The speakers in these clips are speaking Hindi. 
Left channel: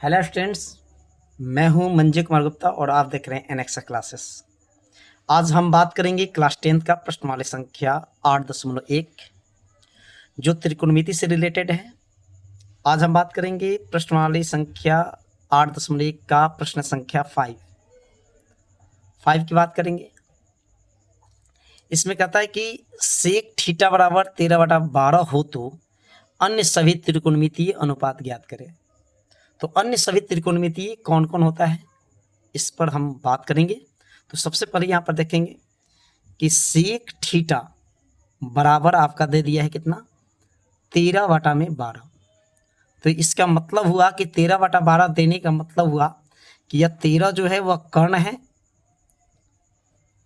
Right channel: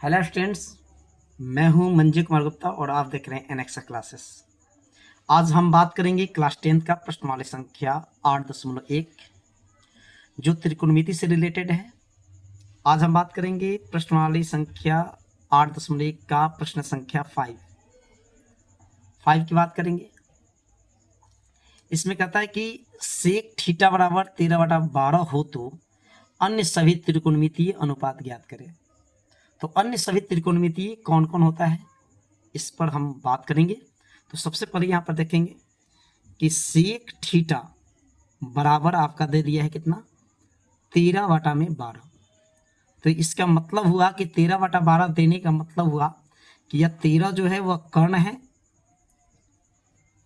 हेलो स्टूडेंट्स, मैं हूं मंजू कुमार गुप्ता और आप देख रहे हैं एनएक्सा क्लासेस। आज हम बात करेंगे क्लास 10th का प्रश्नवाली संख्या 8.1 जो त्रिकोणमिति से रिलेटेड है। आज हम बात करेंगे प्रश्नवाली संख्या 8.1 का प्रश्न संख्या 5 की बात करेंगे। इसमें कहता है कि सेक थीटा बराबर 13/12 हो तो अन्य सभी त्रिकोणमितीय अनुपात ज्ञात करें। तो अन्य सभी त्रिकोणमितीय कौन कौन होता है, इस पर हम बात करेंगे। तो सबसे पहले यहाँ पर देखेंगे कि सेक थीटा बराबर आपका दे दिया है कितना, 13/12। तो इसका मतलब हुआ कि 13/12 देने का मतलब हुआ कि यह 13 जो है वह कर्ण है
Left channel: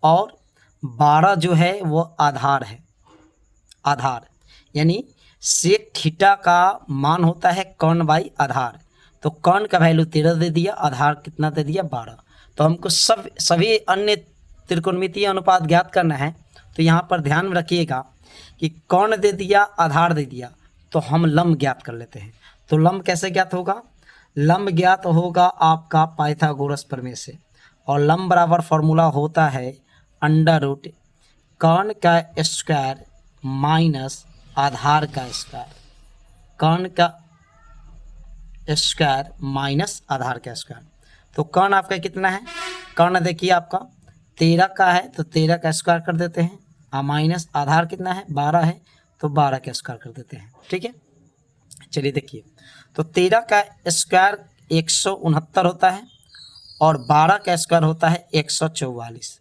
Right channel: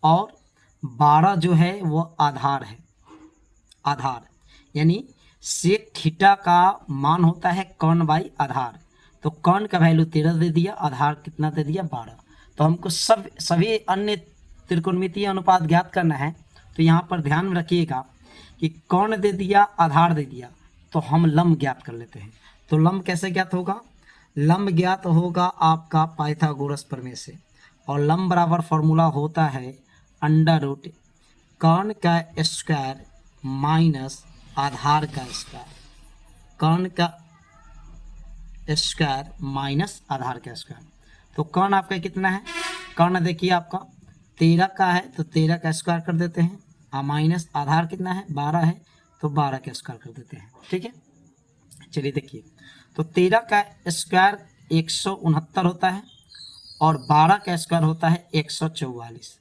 और 12 जो है वह आधार है। आधार यानी सेक थीटा का मान होता है कर्ण बाई आधार। तो कर्ण का वैल्यू 13 दे दिया, आधार कितना दे दिया 12। तो हमको सभी अन्य त्रिकोणमितीय अनुपात ज्ञात करना है। तो यहाँ पर ध्यान में रखिएगा कि कर्ण दे दिया, आधार दे दिया, तो हम लंब ज्ञात कर लेते हैं। तो लंब कैसे ज्ञात होगा? लंब ज्ञात होगा आपका पाइथागोरस प्रमेय से। और लंब बराबर फॉर्मूला होता है अंडर रूट कर्ण का स्क्वायर माइनस आधार का स्क्वायर। कर्ण का स्क्वायर माइनस आधार का स्क्वायर। तो कर्ण आपका कितना है? कर्ण देखिए आपका 13 का है, तो 13 का स्क्वायर कर देते हैं, और माइनस आधार कितना है 12 है, तो 12 का स्क्वायर कर देते हैं। ठीक है, चलिए देखिए। तो 13 का स्क्वायर 169 होता है और 12 का स्क्वायर होता है 144।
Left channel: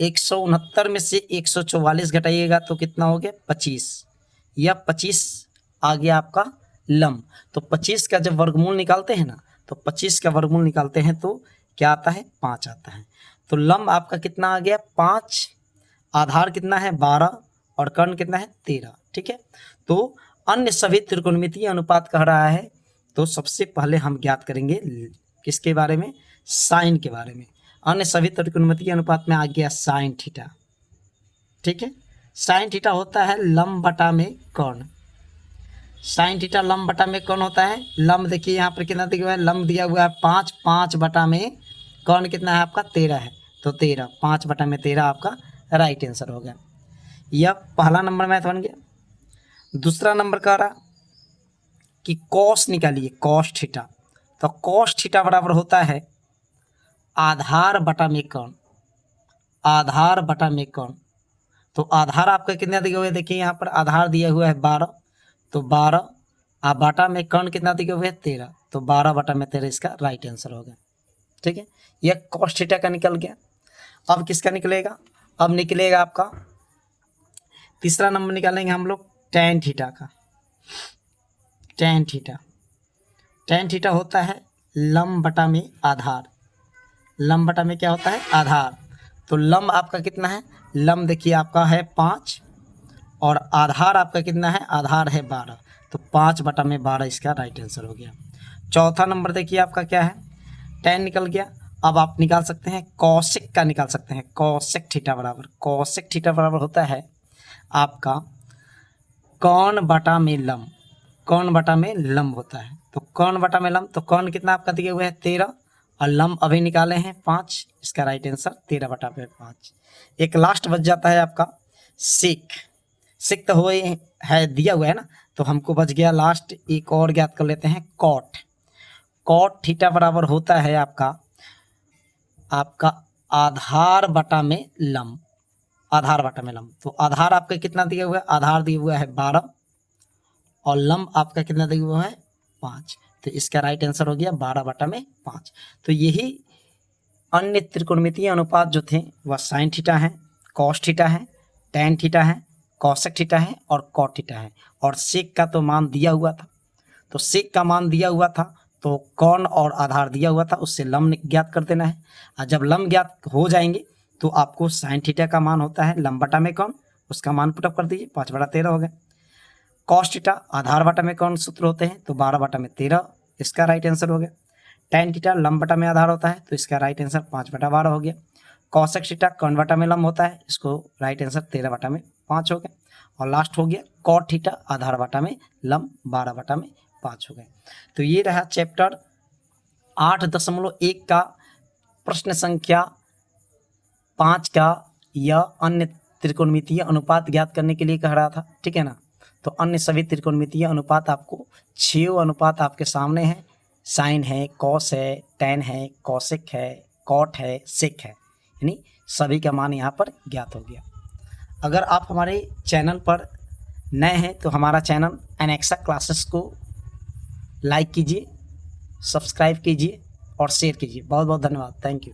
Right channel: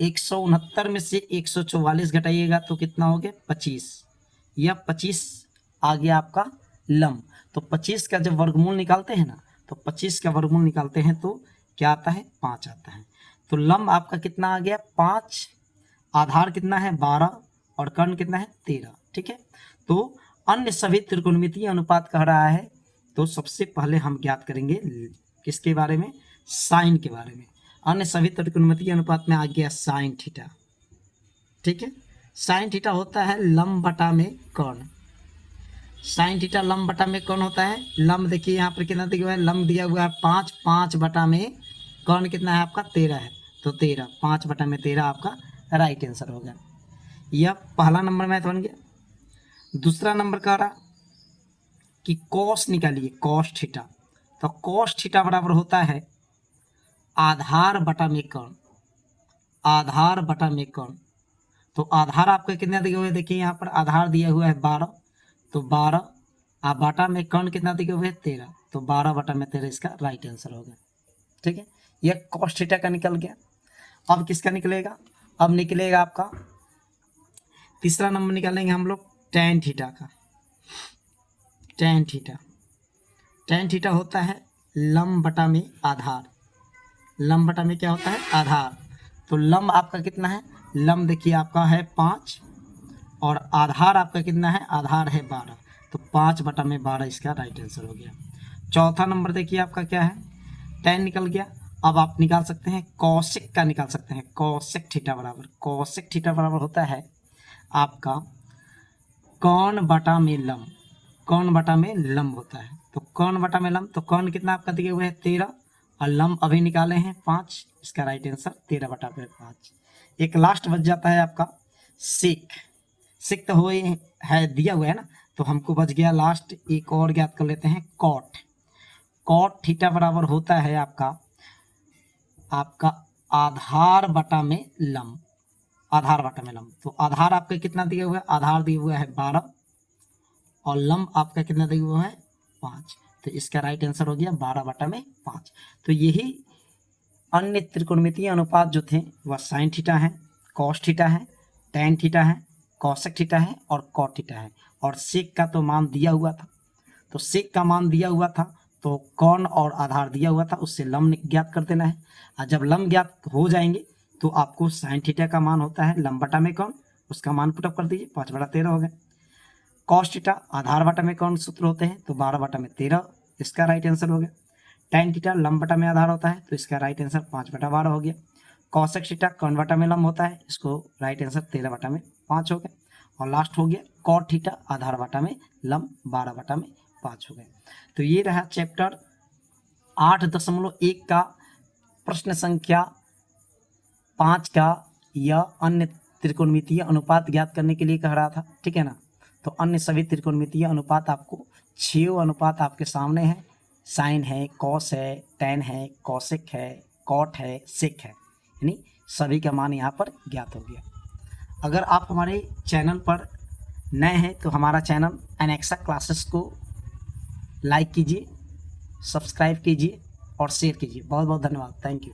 169 में से 144 घटाइएगा तो कितना हो गया 25। यह 25 आ गया आपका लंब। तो 25 का जब वर्गमूल निकालते हैं ना, तो 25 का वर्गमूल निकालते हैं तो क्या आता है 5 आता है। तो लंब आपका कितना आ गया 5, आधार कितना है 12 और कर्ण कितना है 13। ठीक है, तो अन्य सभी त्रिकोणमितीय अनुपात कह रहा है। तो सबसे पहले हम ज्ञात करेंगे किसके बारे में? साइन के बारे में। अन्य सभी त्रिकोणमितीय अनुपात में आ गया साइन थीटा। ठीक है, साइन थीटा होता है लंब बटा में कर्ण। साइन थीटा लंब बटा में कौन होता है? लंब देखिए यहाँ पर कितना दिया हुआ है, लंब दिया हुआ है 5, 5 बटा में कौन कितना है आपका 13 है। तो 13, 5 बटा में 13 आपका राइट आंसर हो गया। यह पहला नंबर मैथ बन गया। दूसरा नंबर कह रहा कि कॉस निकालिए, कॉस थीटा। तो कॉस थीटा बराबर होता है आधार बटा में कर्ण। आधार बटा में कर्ण। तो आधार आपका कितना दिया हुआ है? देखिए यहाँ पर आधार दिया हुआ है 12, तो 12 और बटा में कर्ण कितना दिया हुआ है 13, तो 12 बटा में 13 इसका राइट आंसर हो गया। ठीक है, यह कॉस थीटा का निकल गया। अब किसका निकलेगा? अब निकलेगा आपका तीसरा नंबर निकालेंगे हम लोग टैन थीटा का। टैन थीटा, टैन थीटा होता है लंब बटा में आधार। लंब बटा में क्या होता है? आधार। तो लंब आपका कितना है? लंब देखिए आपका है 5 और आधार आपका कितना है? आधार है 12, तो 5 बटा में 12 इसका राइट आंसर हो गया। चौथा नंबर देखिए आपका क्या है? टैन निकल गया। अब आप निकाल सकते हैं कॉसेक का, निकाल सकते हैं कॉसेक थीटा बराबर। कॉसेक थीटा बराबर होता है आपका कर्ण बटा में लंब। कर्ण बटा में लंब होता है। तो कर्ण बटा में लंब, तो कर्ण कितना आपका दिया हुआ है 13 और लंब अभी निकाले हैं 5, इसका राइट आंसर 13 बटा में 5। एक लास्ट बच जाता है आपका सेक। सेक तो हो है दिया हुआ है ना, तो हमको बच गया लास्ट एक और ज्ञात कर लेते हैं कॉट। कॉट थीटा बराबर होता है आपका आधार बटा में लंब। आधार बटा में लंब, तो आधार आपका कितना दिया हुआ है? आधार दिया हुआ है 12 और लंब आपका कितना दिया हुआ है 5, तो इसका राइट आंसर हो गया 12 बटा में 5। तो यही अन्य त्रिकोणमितीय अनुपात जो थे वह साइन थीटा है, कॉस थीटा है, टैन थीटा है, कॉसेक थीटा है और कॉट थीटा है। और सेक का तो मान दिया हुआ था, तो सेक का मान दिया हुआ था, तो कर्ण और आधार दिया हुआ था, उससे लंब ज्ञात कर देना है। और जब लंब ज्ञात हो जाएंगे तो आपको साइन थीटा का मान होता है लंब बटा में कर्ण, उसका मान पुटअप कर दीजिए, 5 बटा 13 हो गया। कॉस थीटा आधार बटा में कौन सूत्र होते हैं, तो 12 बटा में 13, इसका राइट आंसर हो गया। टैन थीटा लंब बटा में आधार होता है, तो इसका राइट आंसर 5 बटा 12 हो गया। कॉसेक थीटा कर्ण बटा में लंब होता है, इसको राइट आंसर 13 बटा में 5 हो गया। और लास्ट हो गया कॉट थीटा आधार बटा में लंब 12 बटा में 5 हो गया। तो ये रहा चैप्टर 8.1 का प्रश्न संख्या 5 का यह अन्य त्रिकोणमितीय अनुपात ज्ञात करने के लिए कह रहा था, ठीक है ना। तो अन्य सभी त्रिकोणमितीय अनुपात आपको 6 अनुपात आपके सामने है, साइन है, कॉस है, टेन है, कॉसेक है, कॉट है, सेक है, यानी सभी का मान यहाँ पर ज्ञात हो गया। अगर आप हमारे चैनल पर नए हैं तो हमारा चैनल एनेक्सा क्लासेस को लाइक कीजिए, सब्सक्राइब कीजिए और शेयर कीजिए। बहुत बहुत धन्यवाद। Thank you.